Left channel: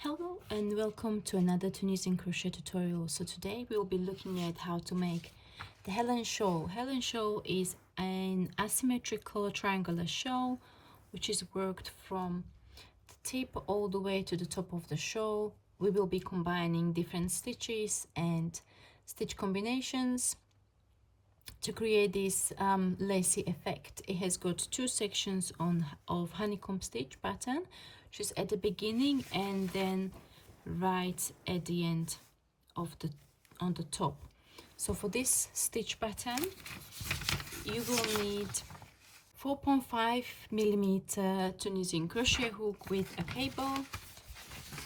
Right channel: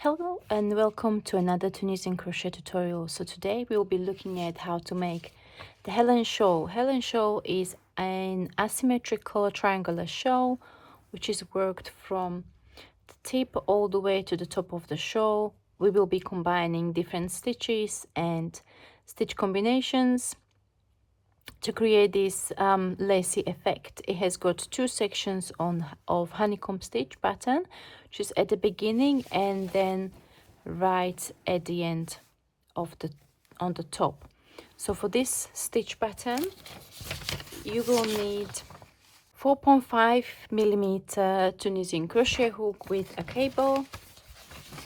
Hello and welcome to another Tunisian crochet tutorial. So today we will be looking at how to make the Helen Shawl. Helen Shawl is an asymmetrical triangular shawl which is worked from the tip all the way to the top of the shawl. We will be combining different stitches and stitch combinations to create this lacy effect. It has got two sections of honeycomb stitch pattern, which is at the beginning and then right at the end of the on the top. So for this stitch pattern you will need 4.5mm Tunisian crochet hook with a cable,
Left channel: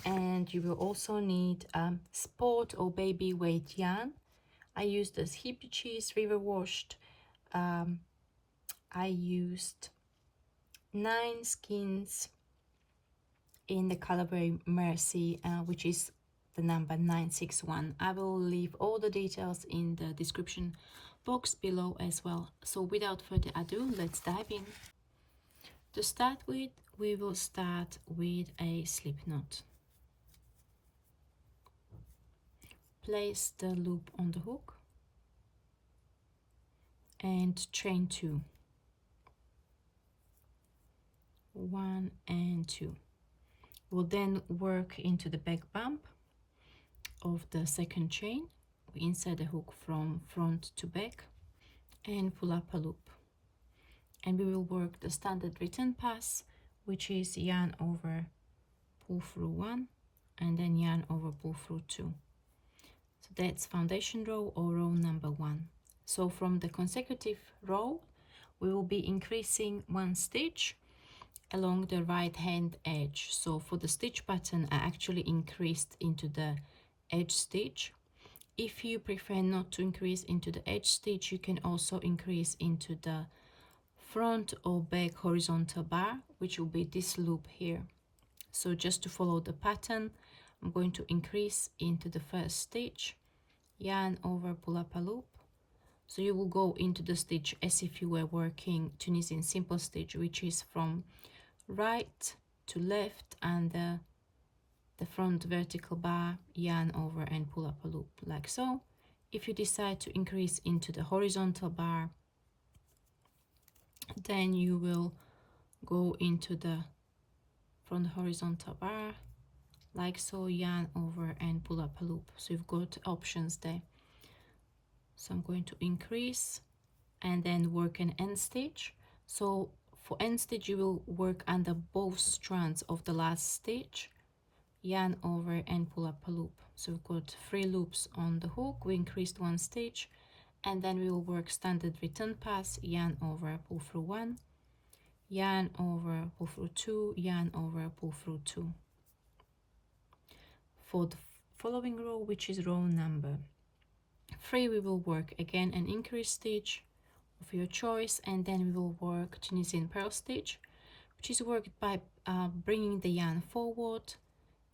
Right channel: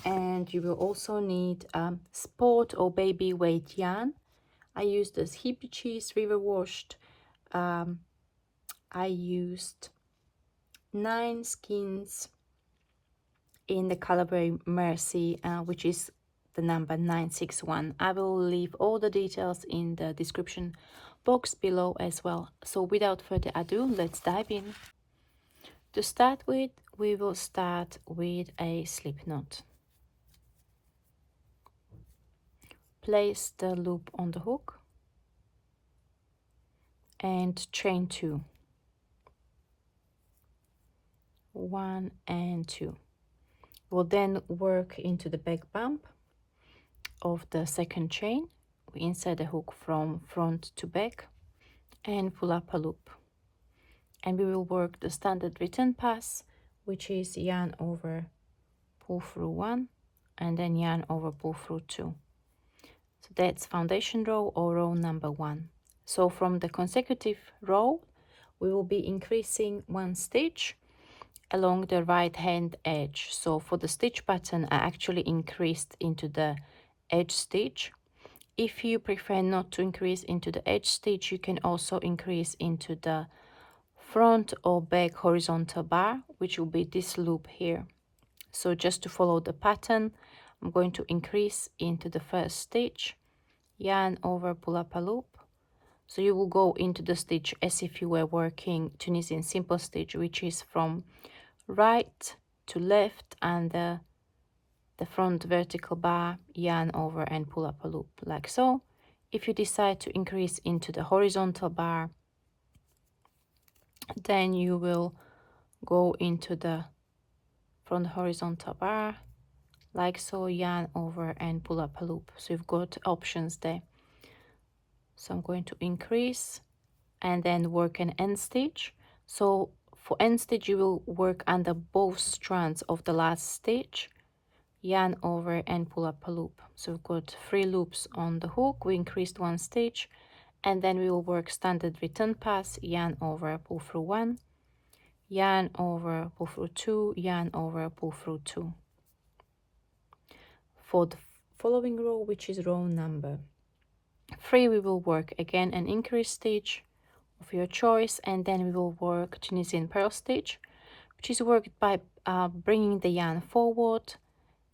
and you will also need sport or baby weight yarn. I used the Scheepjes river washed. I used 9 skeins in the colorway Mersey, which is the number 961. I will leave all the details in the description box below as well. So without further ado, let's dive in. To start with, we will start with a slip knot. Place the loop on the hook and chain 2. 1 and 2. We'll then work into the back bump of the second chain. We insert the hook from front to back and pull up a loop, and we will work the standard return pass, which is yarn over, pull through 1, and then yarn over, pull through 2. So that's foundation row or row number 1. So from the consecutive row we will be increasing 1 stitch along the right hand edge. So for the stitch pattern I actually increased into the edge stitch. If you prefer not to increase into the edge stitch, you can also increase into the front or back horizontal bar, which will be this loop here. So just to follow the pattern, I'm going to increase into the first stitch, yarn over, pull up a loop. So you will go into the stitch as if you were working Tunisian simple stitch, which is from right to left, and the front vertical bar, yarn over and pull up a loop like so. If you decide to increase into the horizontal bar, then you will go into the front horizontal bar like so, yarn over and pull up a loop. So you've got options there. So I'm going to increase and then work an end stitch. So for end stitch you will work under both strands of the last stitch, yarn over and pull up a loop. So we've got 3 loops on the hook. We increased 1 stitch, and then we will work standard return pass, yarn over, pull through 1, yarn over, pull through 2, yarn over, pull through 2. For the following row, which is row number 3, we will work again an increase stitch of your choice, and then we will work Tunisian pearl stitch, which is worked by bringing the yarn forward,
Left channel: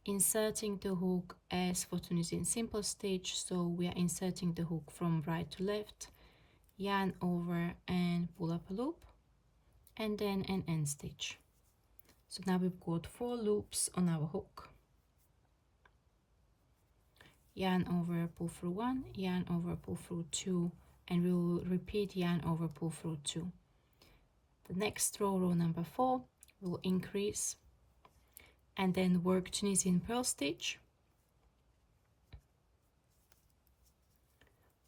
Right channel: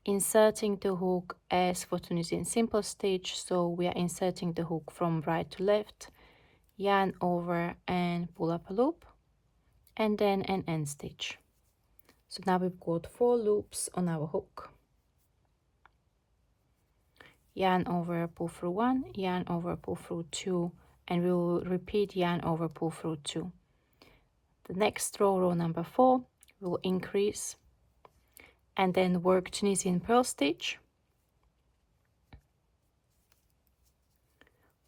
inserting the hook as for Tunisian simple stitch. So we are inserting the hook from right to left, yarn over and pull up a loop, and then an end stitch. So now we've got 4 loops on our hook. Yarn over, pull through 1, yarn over, pull through 2, and we will repeat yarn over, pull through 2. The next row, row number 4, will increase and then work Tunisian pearl stitch,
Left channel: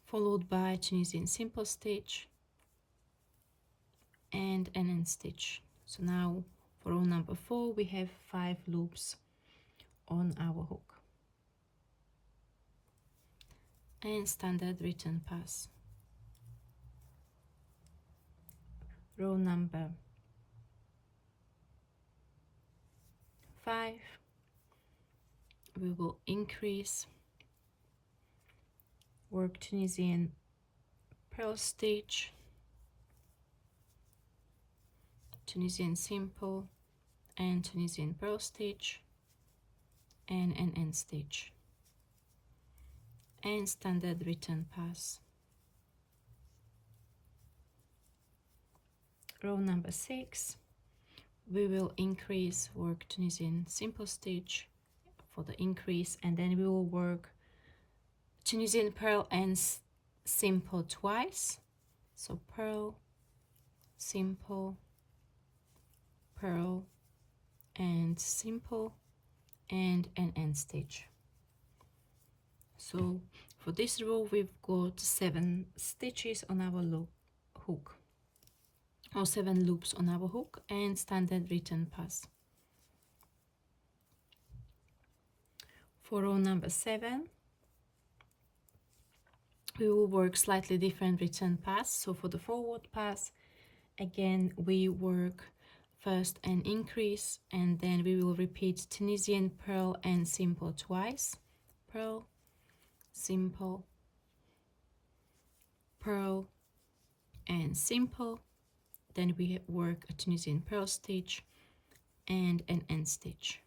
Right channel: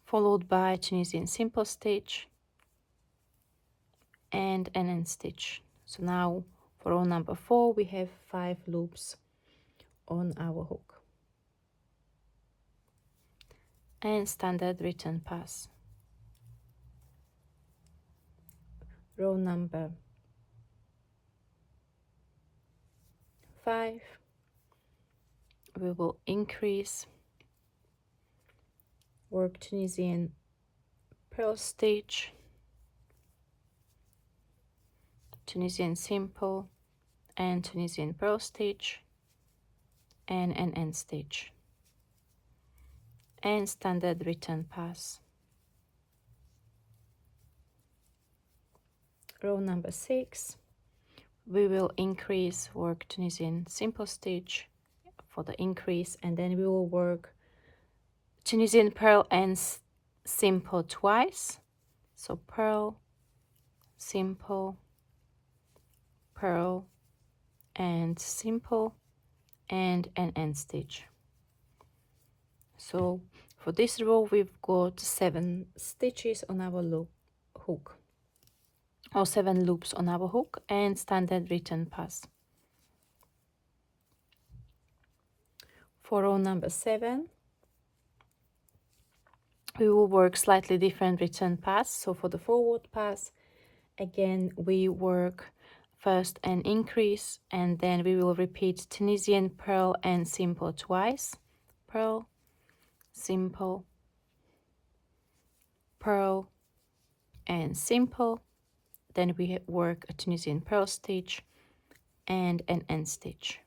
followed by Tunisian simple stitch and an end stitch. So now for row number 4 we have 5 loops on our hook and standard return pass. Row number 5 we will increase, work Tunisian pearl stitch, Tunisian simple and Tunisian pearl stitch and an end stitch and standard return pass. Row number 6 we will increase, work Tunisian simple stitch for the increase, and then we will work Tunisian purl and simple twice. So purl, simple, purl, and simple, and an end stitch. So for this row we've got 7 stitches on our hook, or 7 loops on our hook, and standard return pass. For row number 7 we will work slightly different return pass. So for the forward pass, again we work first an increase, and then we will repeat Tunisian purl and simple twice. Purl, simple, purl, and simple. Then we work a Tunisian purl stitch and an end stitch.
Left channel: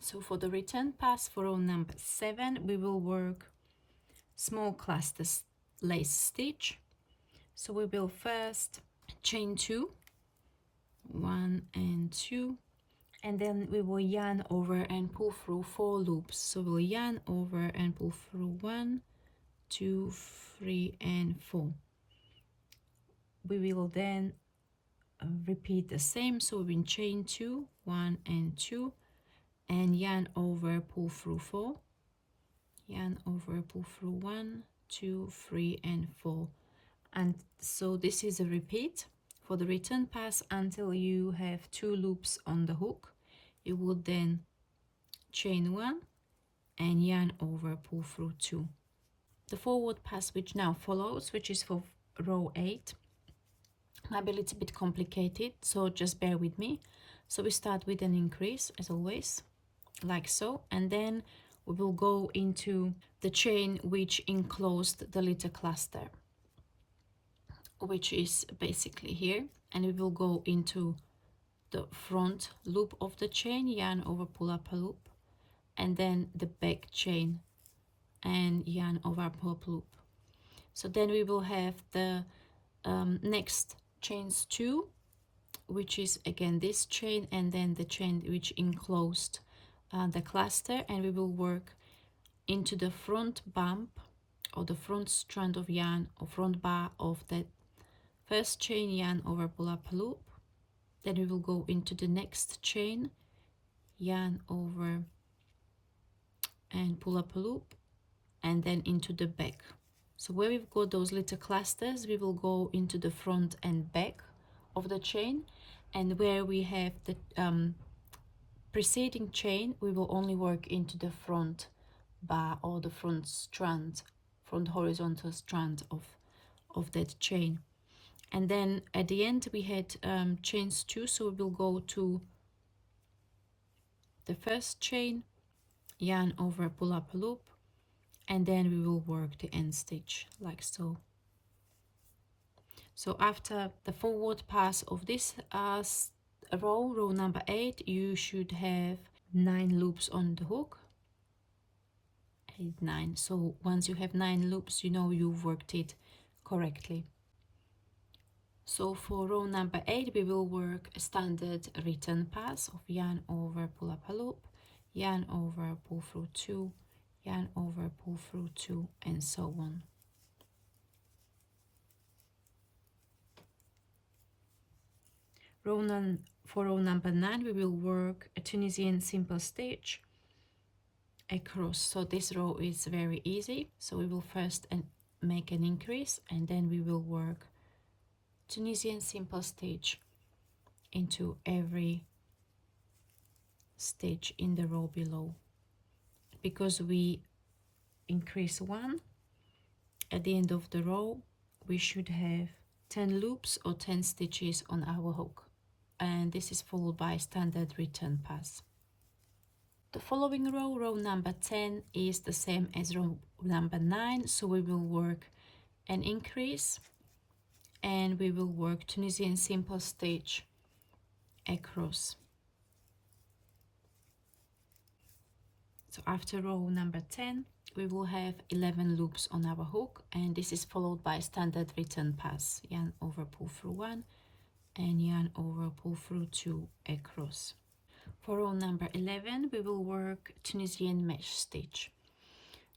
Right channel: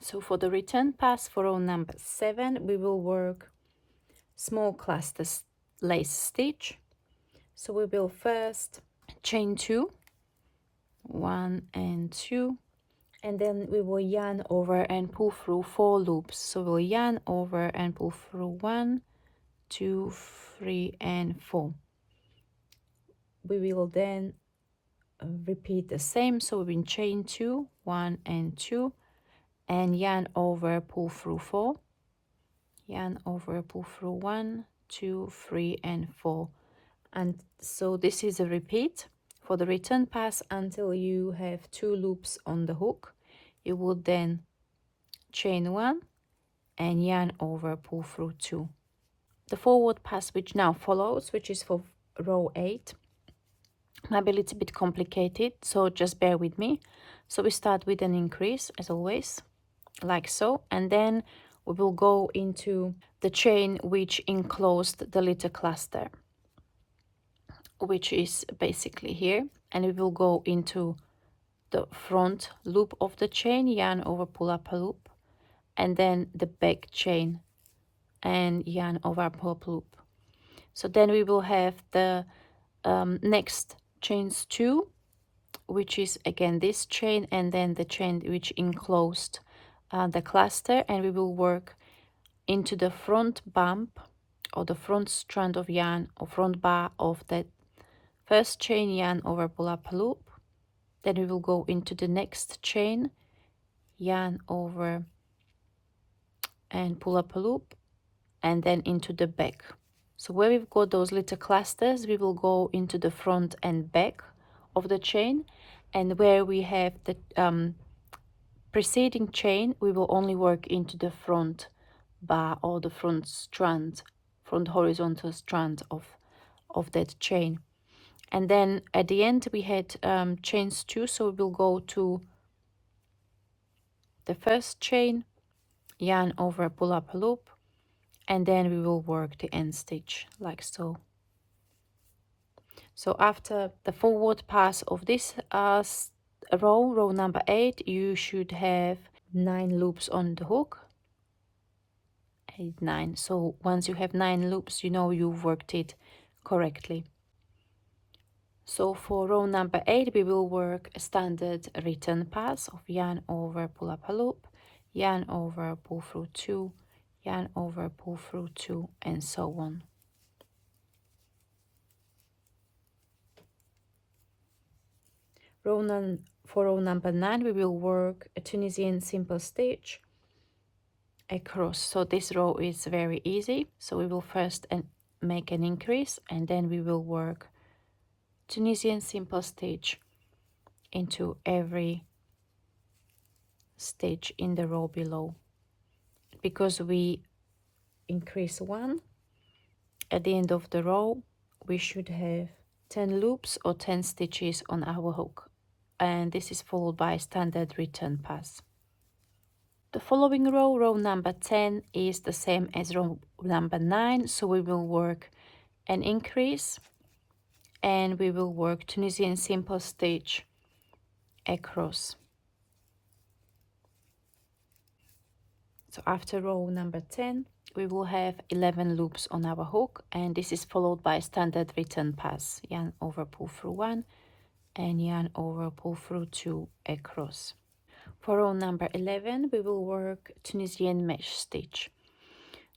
So for the return pass for row number 7 we will work small cluster lace stitch. So we will first chain 2, 1 and 2, and then we will yarn over and pull through 4 loops. So we'll yarn over and pull through 1, 2, 3 and 4. We will then repeat the same. So we will chain 2, 1 and 2, and yarn over, pull through 4, yarn over, pull through 1, 2, 3 and 4. And so this is a repeat for the return pass until you have 2 loops on the hook. You would then chain 1 and yarn over, pull through 2. The forward pass which now follows, which is for row 8, might be a little bit complicated, so just bear with me. So we start with an increase as always, like so, and then we will go into the chain which enclosed the little cluster, which is basically here, and we will go into the front loop of the chain, yarn over, pull up a loop, and then the back chain and yarn over, pull up a loop. So then we will have the next chains 2, which is again this chain, and then the chain which enclosed the cluster, and we will work into the front bump or the front strand of yarn or front bar of that first chain, yarn over, pull up a loop. Then we will go into the next chain, yarn over and pull up a loop, and then into the back. So where we've got those little clusters, we will go into the front and back of the chain, and where we have the preceding chain, we will only work into the front bar or the front strand, front horizontal strand of that chain. And then at the end we had chains 2, so we will go to the first chain, yarn over, pull up a loop, and then we will work the end stitch like so. So after the forward pass of this row number 8, you should have 9 loops on the hook. 8, 9. So once you have 9 loops, you know you've worked it correctly. So for row number 8 we will work a standard return pass of yarn over, pull up a loop, yarn over, pull through 2, yarn over, pull through 2, and so on. For row number 9 we will work a Tunisian simple stitch across. So this row is very easy. So we will first make an increase, and then we will work Tunisian simple stitch into every stitch in the row below. Because we increase 1, at the end of the row we should have 10 loops or 10 stitches on our hook, and this is followed by standard return pass. The following row number 10, is the same as row number 9, so we will work an increase and we will work Tunisian simple stitch across. So after row number 10 we will have 11 loops on our hook, and this is followed by standard return pass, yarn over, pull through 1, and yarn over, pull through 2 across. For row number 11, we will work Tunisian mesh stitch.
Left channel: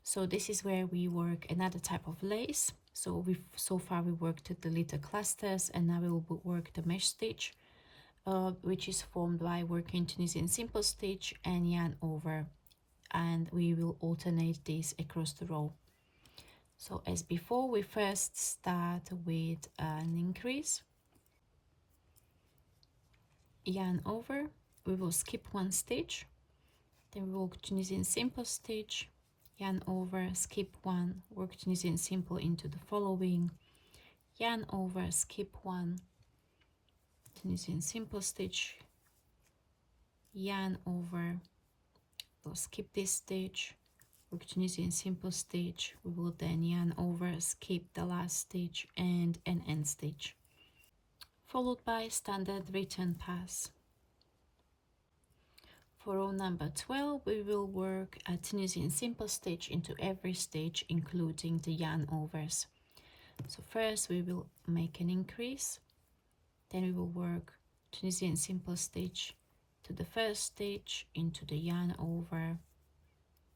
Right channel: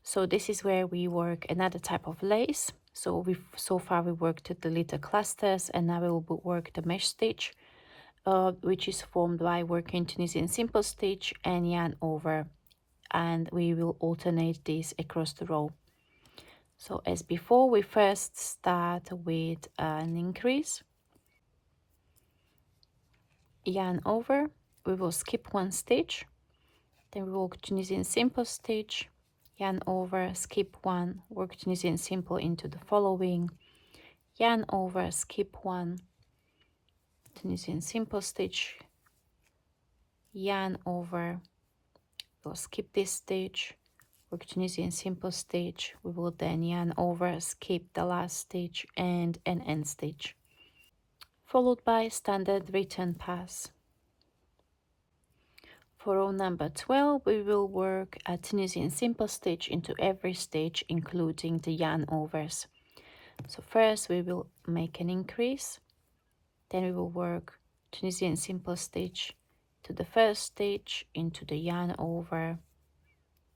So this is where we work another type of lace. So far we worked the little clusters, and now we will work the mesh stitch, which is formed by working Tunisian simple stitch and yarn over, and we will alternate this across the row. So as before, we first start with an increase, yarn over, we will skip one stitch, then we work Tunisian simple stitch, yarn over, skip one, work Tunisian simple into the following, yarn over, skip one, Tunisian simple stitch, yarn over, we'll skip this stitch, work Tunisian simple stitch, we will then yarn over, skip the last stitch and an end stitch, followed by standard return pass. For row number 12, we will work a Tunisian simple stitch into every stitch, including the yarn overs. So first we will make an increase, then we will work Tunisian simple stitch to the first stitch, into the yarn over,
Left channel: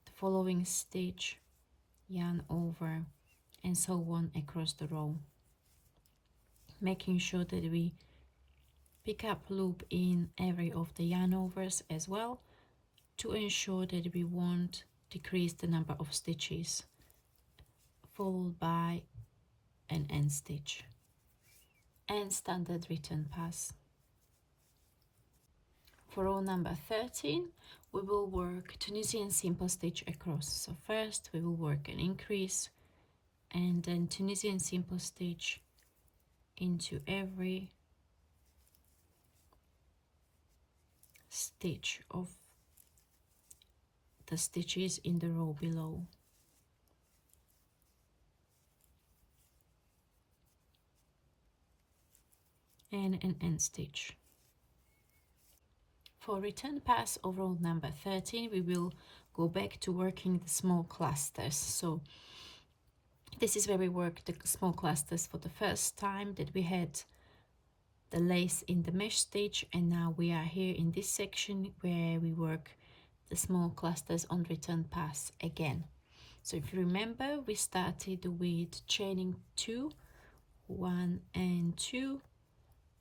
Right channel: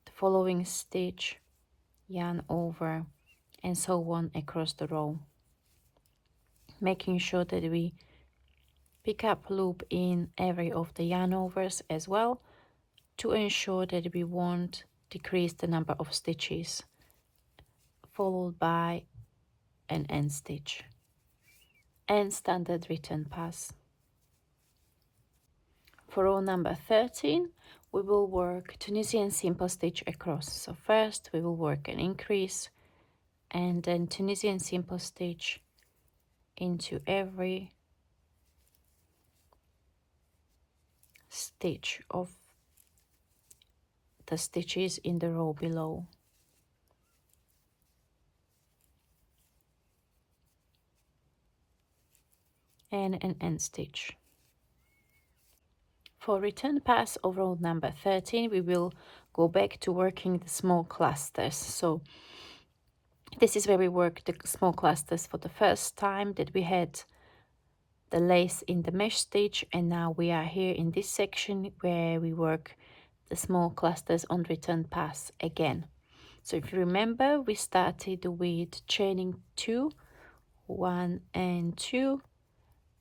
the following stitch, yarn over, and so on across the row, making sure that we pick up loop in every of the yarn overs as well, to ensure that we won't decrease the number of stitches, followed by an end stitch and standard return pass. For row number 13, we will work Tunisian simple stitch across. So first we will work an increase and then Tunisian simple stitch into every stitch of the stitches in the row below. And an end stitch. For return pass of row number 13, we will go back to working the small clusters. So this is where we work the small clusters for the first time, that we had the lace in the mesh stitch, and now we are here in this section where we work the small clusters on return pass again. So if you remember, we started with chaining 2, 1 and 2,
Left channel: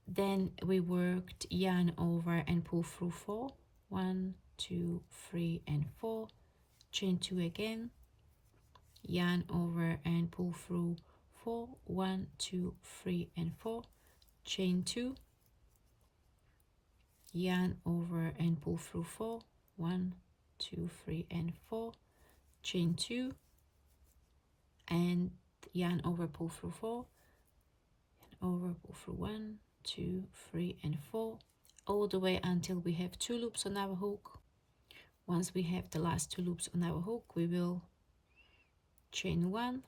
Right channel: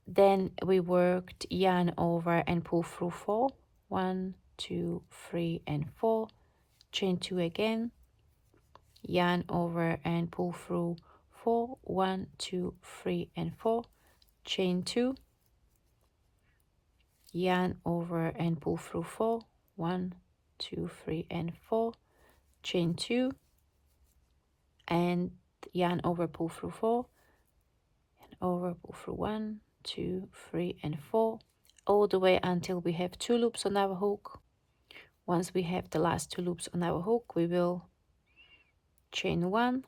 then we worked yarn over and pull through 4, 1, 2, 3 and 4, chain 2 again, yarn over and pull through 4, 1, 2, 3 and 4, chain 2, yarn over and pull through 4, 1, 2, 3 and 4, chain 2, and yarn over, pull through 4, and over, pull through 1, 2, 3 and 4, all the way until we have 2 loops on our hook. Once we have the last 2 loops on our hook, we will chain 1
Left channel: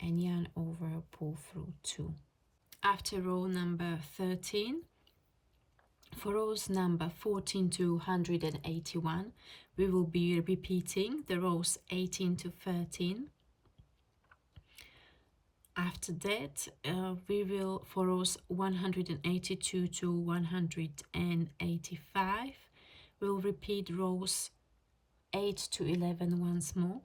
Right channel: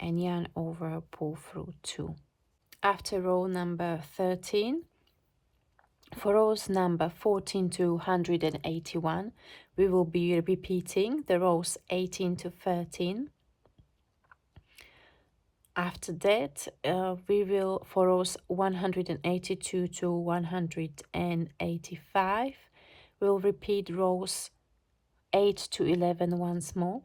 and yarn over, pull through 2. After row number 13, for rows number 14 to 181, we will be repeating the rows 18 to 13. After that, we will, for rows 182 to 185, we'll repeat rows 8 to 11 once more.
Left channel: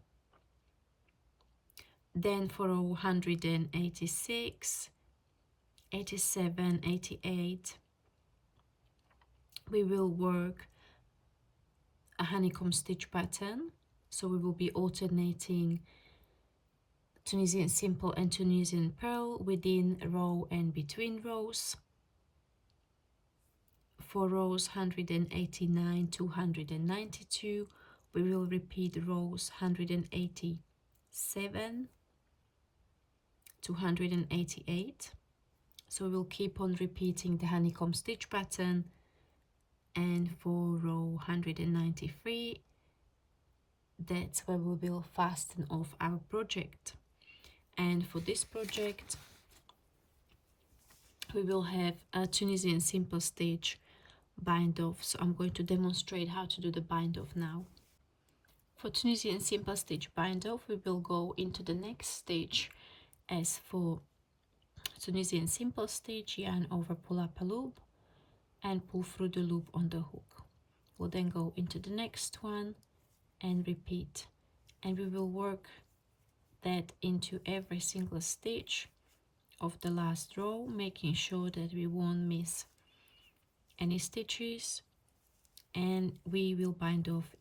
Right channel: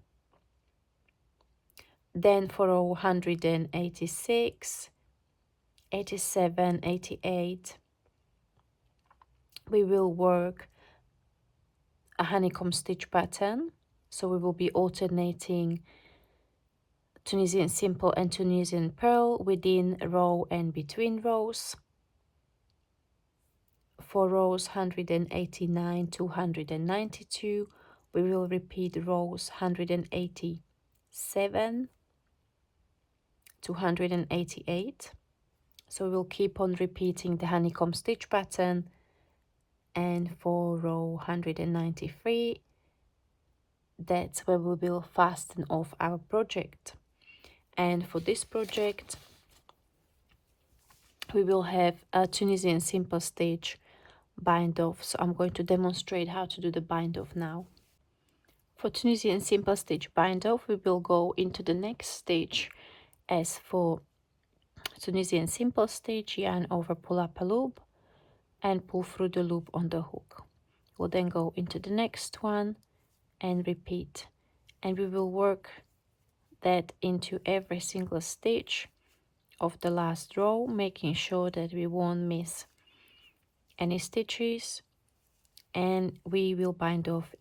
Then for row 186, 87, 88, we will work a honeycomb stitch pattern. So we will be alternating Tunisian simple and Tunisian purl within row and between rows. For rows 189 to 192, we will repeat rows 187 to 188. So we'll keep on repeating the honeycomb stitch pattern. And for row 193, that's where we will fasten off our project. And for this project, we will have a Tunisian simple stitch bind off. So I'm going to demonstrate how to do the bind off now. For Tunisian simple stitch bind off, we will go into the next stitch as for Tunisian simple stitch, yarn over, pull up a loop and pull through the loop on the hook. We'll then go into the next one and repeat, and we will work that into every single stitch of the last row, making sure that we won't miss any stitches, and we will bind off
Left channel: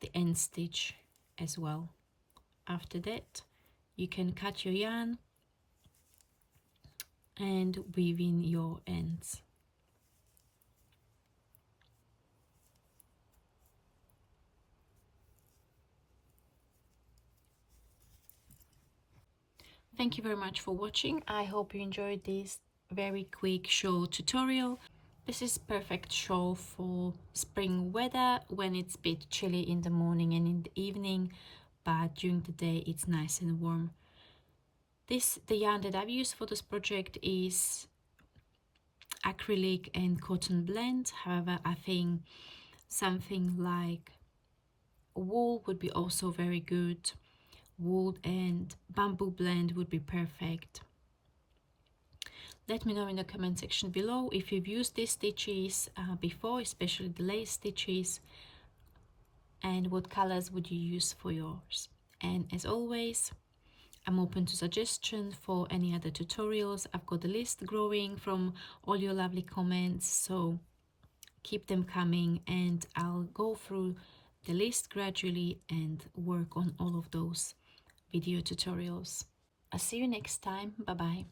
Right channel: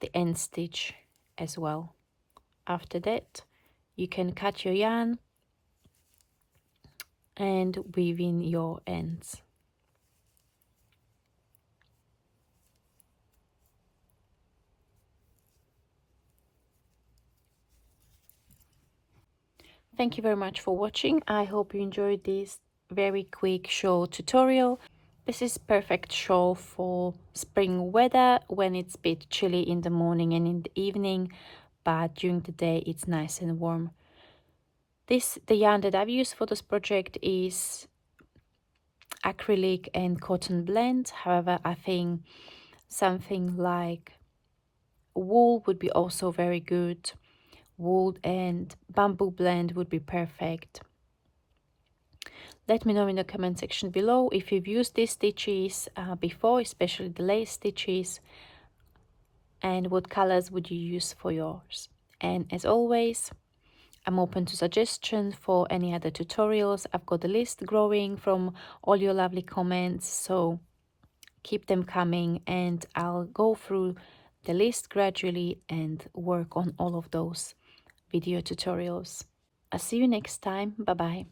the end stitch as well. After that, you can cut your yarn and weave in your ends. Thank you very much for watching. I hope you enjoyed this very quick shawl tutorial. This is perfect shawl for spring weather when it's a bit chilly in the morning and in the evening, but during the day it's nice and warm. The yarn that I've used for this project is acrylic and cotton blend. However, I think something like wool would be also very good. Wool and bamboo blend would be perfect. Let me know in the comment section below if you've used these stitches before, especially the lace stitches, and what colors would you use for yours. And as always, I'm open to suggestions for any other tutorials. I've got the list growing from all your lovely comments, so keep them coming and I'll go through the list gradually and work on all of those video tutorials. I'll see you next time. Bye bye.